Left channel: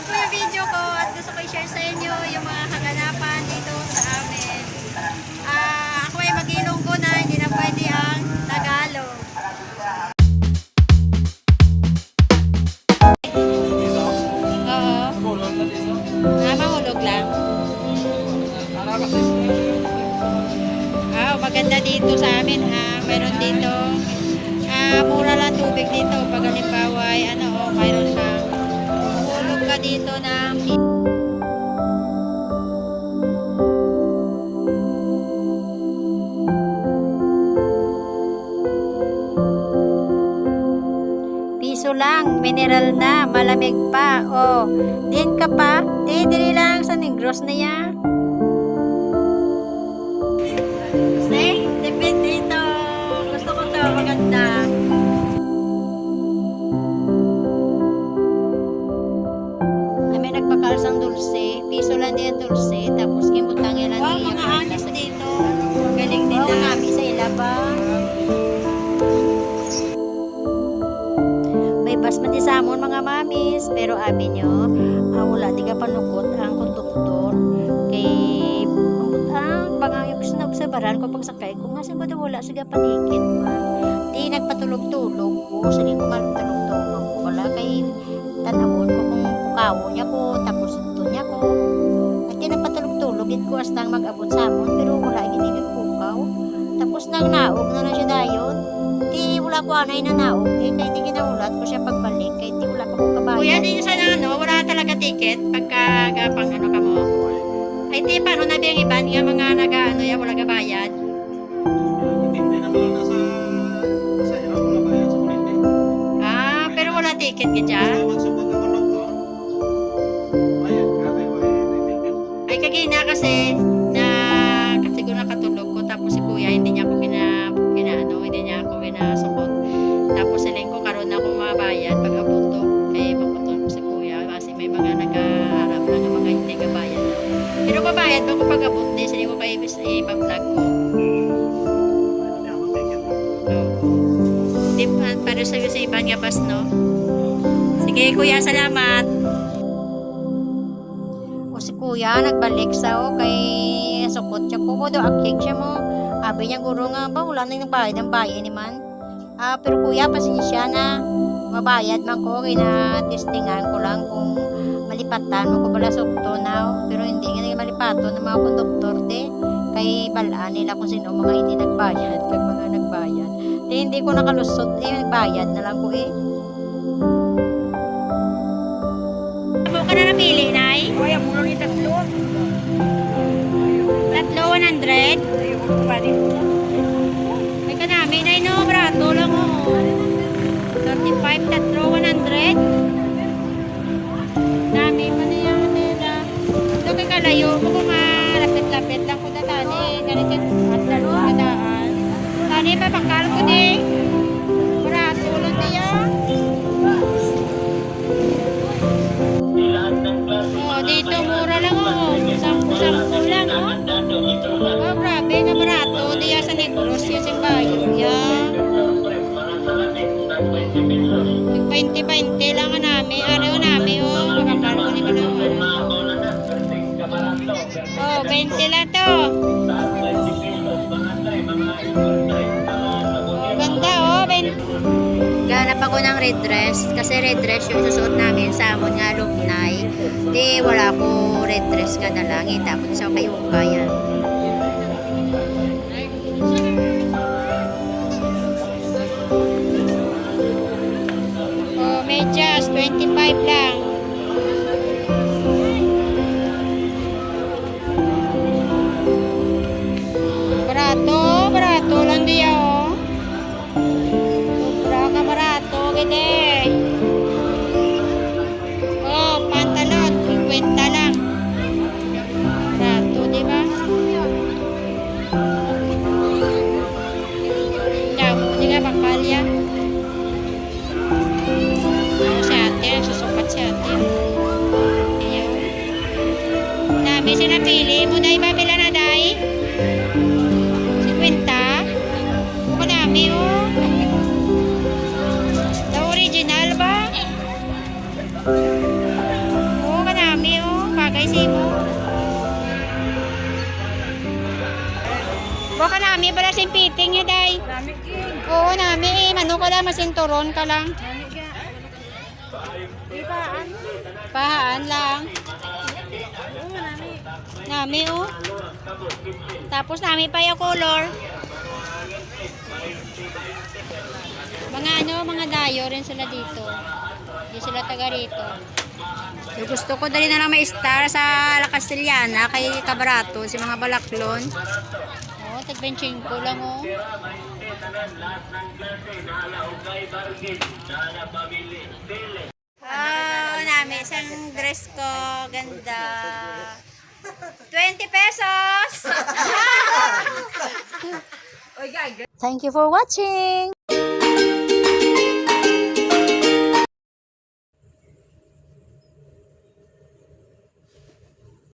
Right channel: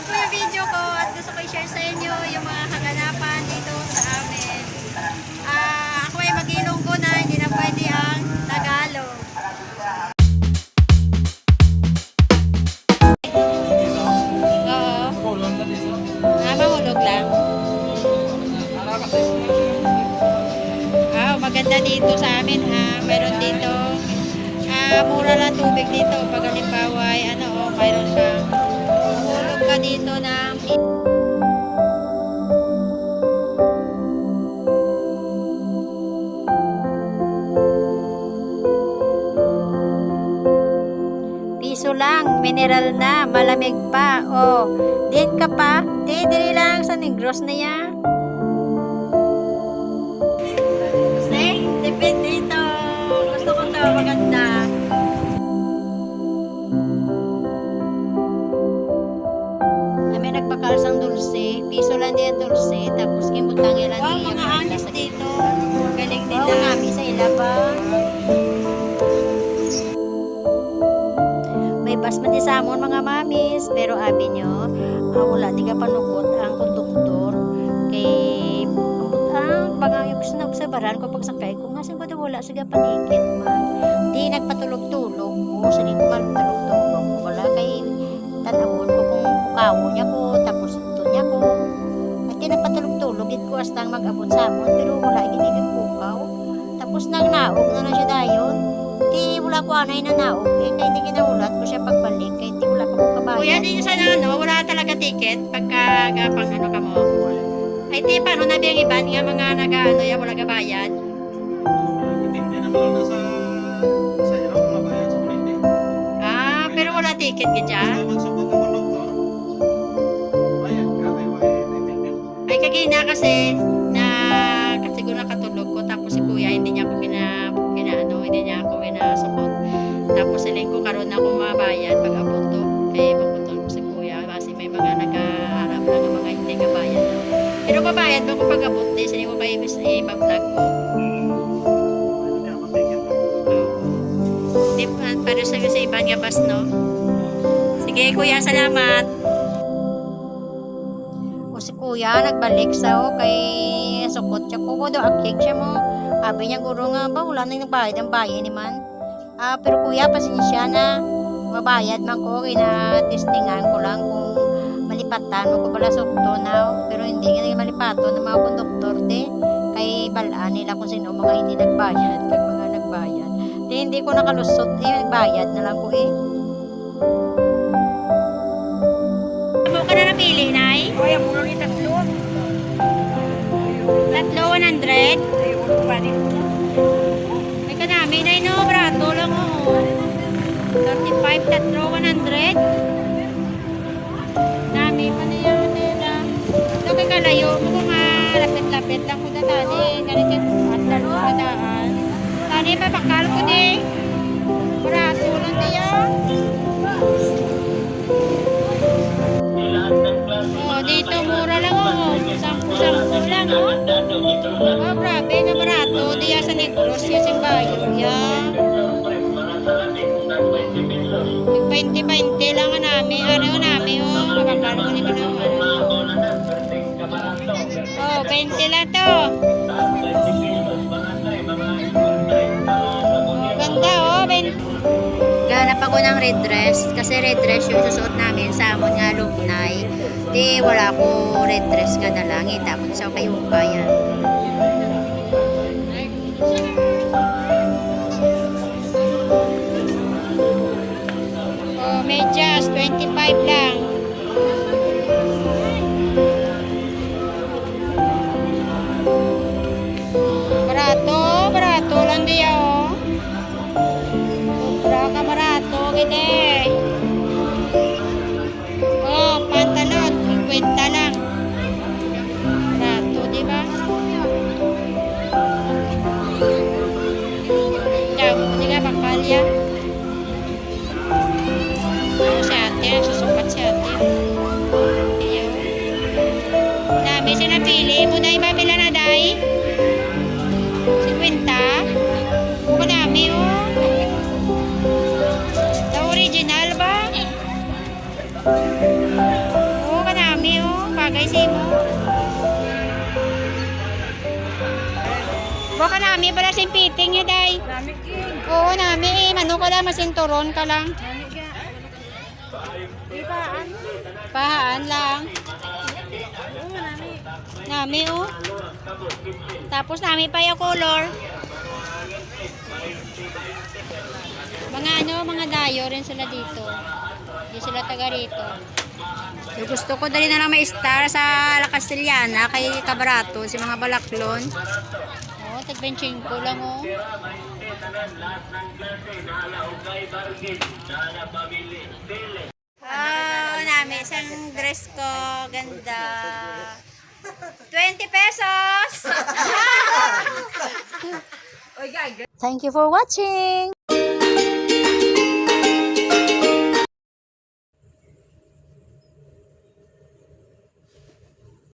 Ito po yung video ko at gusto ko i-share sa inyo yung mga kaganapan dito sa amin. Ako ay mag-Ilonggo na, hindi na pwede ang Tagalog. Oo. Mahulog lang. Maganda dito sa amin ha. Meron dito mura lang tubig dito. Pag halimbawa ay mayroon kang mahulog ka dito ng piso lang, mineral na, malamig pa. Din ka pa, dili lang sa Negros na yan. Depende ito. Gusto ko ito, maganda. May nagpakalsang dulce. Piso lang din ang dulce. Tapos kimbutang yan lang. Wow, mga anis dito. Galing nila. Wow, kami sa ilaba. May basmati samon mga mamis. Pero abi nyo, wala di ka panukot ang konduktor. Kay bagang yung sinabsabaran ko pag sakay ko nga siguro wala siya panikit man. Di nagpatulog-tulog ko. Sige ko magtulog-tulog ko. Wala kay tanawon ko kung pukawo niya ko. Tapos ito niya ko. At di nagpatulog-tulog. It ko astang mag-abot sa amon. Pero wala hindi pukaw. Tapos nang naog na siya dayon. Di wala ko anay na naog. Kaya di kinaulat ko siya pagbalik. Kaya di wala pa ko kabayan. Kuya, di sana wala talaga ticket pagka gapang ka mo. Ay, di, paano na biyang iban nga mga wala kabayad? Hindi naman lang sa hirap na bayad sa kulindi. Pero wala ticket ka dyan? Magsupot ng konduktor, bayad ka, tayo ay naitindi. Ay, kagina kasi siguro nakatulog ko, tapos si kuya, hindi niya ako hindi niya ako ginasupot. Tapos siling ko, karoon na akong mabayad pag abot to. Kaya magputol ko si kuya, kasi may mga nagkaharap lang ng mga hindi kabayad. Pero babayad ba ko pag abot din? Sinin ko kayo i-vlog ko. Hindi para sa iban nga bas, no? Sige, kuya, salamat. Si kuya, nagbalik sa kay sukot siya ko. Do aking siya mo. Abi niya, guro nga ba? Wala nang nagbayad ang bayan ni man. Pero kuya, pasensya na. Mabayad man ko. Kina-testingan ko lang kung malipatan mo ko pala sukto na. Pero hindi nga malipato ng mga konduktor kay balaan nila kung sino mga hindi nagbayad kag mga nagbayad. Hindi ko nakalusot nagbayad na lang ko Amo ka na napili, Nay? Ay, ang mula ni tatlo. Tatlo, 100? Ay ka namin, Nay, no? Brato lang, 35, tatlo, 100? Nami pa niya nila. Ito kay kalayo mo kung lapit-lapit lang ko na tani. Ganit at lalo sa daan. Tani pa bakal ko Barato lang niya. Dito mura lang Sampu-sampu lang grabe nga barato. Diya sa Negros yung simbayo. Yung 20-20 lang namin. Araw namin, makakalo ko ni Panawan. 20 lang to. Ganda, 20. Ganap ako ng red dress. Kasi red dress yung susuot namin sa amon nga alumni. Di, wala ko red dress nga na lang. Tapos sa kayo yan. Medyas, 25 lang. Barato lang diya, Sobra ka barato, gede. Pantalon, 50 lang. Barato, di ba? Hindi ka bakalya. Si ate, susukat si ate. Ayaw. Dami sinapili mo na ibabila na, day. 50. Buka dami, The original ba? Kaysa mo. Baka nami pala simpiting niya, day. Nami king. Oo, nami. Mano ka lang, masinturon ka lang. Nami ga. Ipaan. Pahaan lang. Oo, nami. Nami, oh. Tapos nami pa yung color. Mga mga dayo rin sila dito. Hindi sila taga rito. So, gusto ko dali na lang may star sa La Castellana kay Kabarato, si mga balaklon. Oh, tag-benching ko lang, oh. Oh, nami, isang dress ko. Ganda. 20 pesos! Thank you for watching.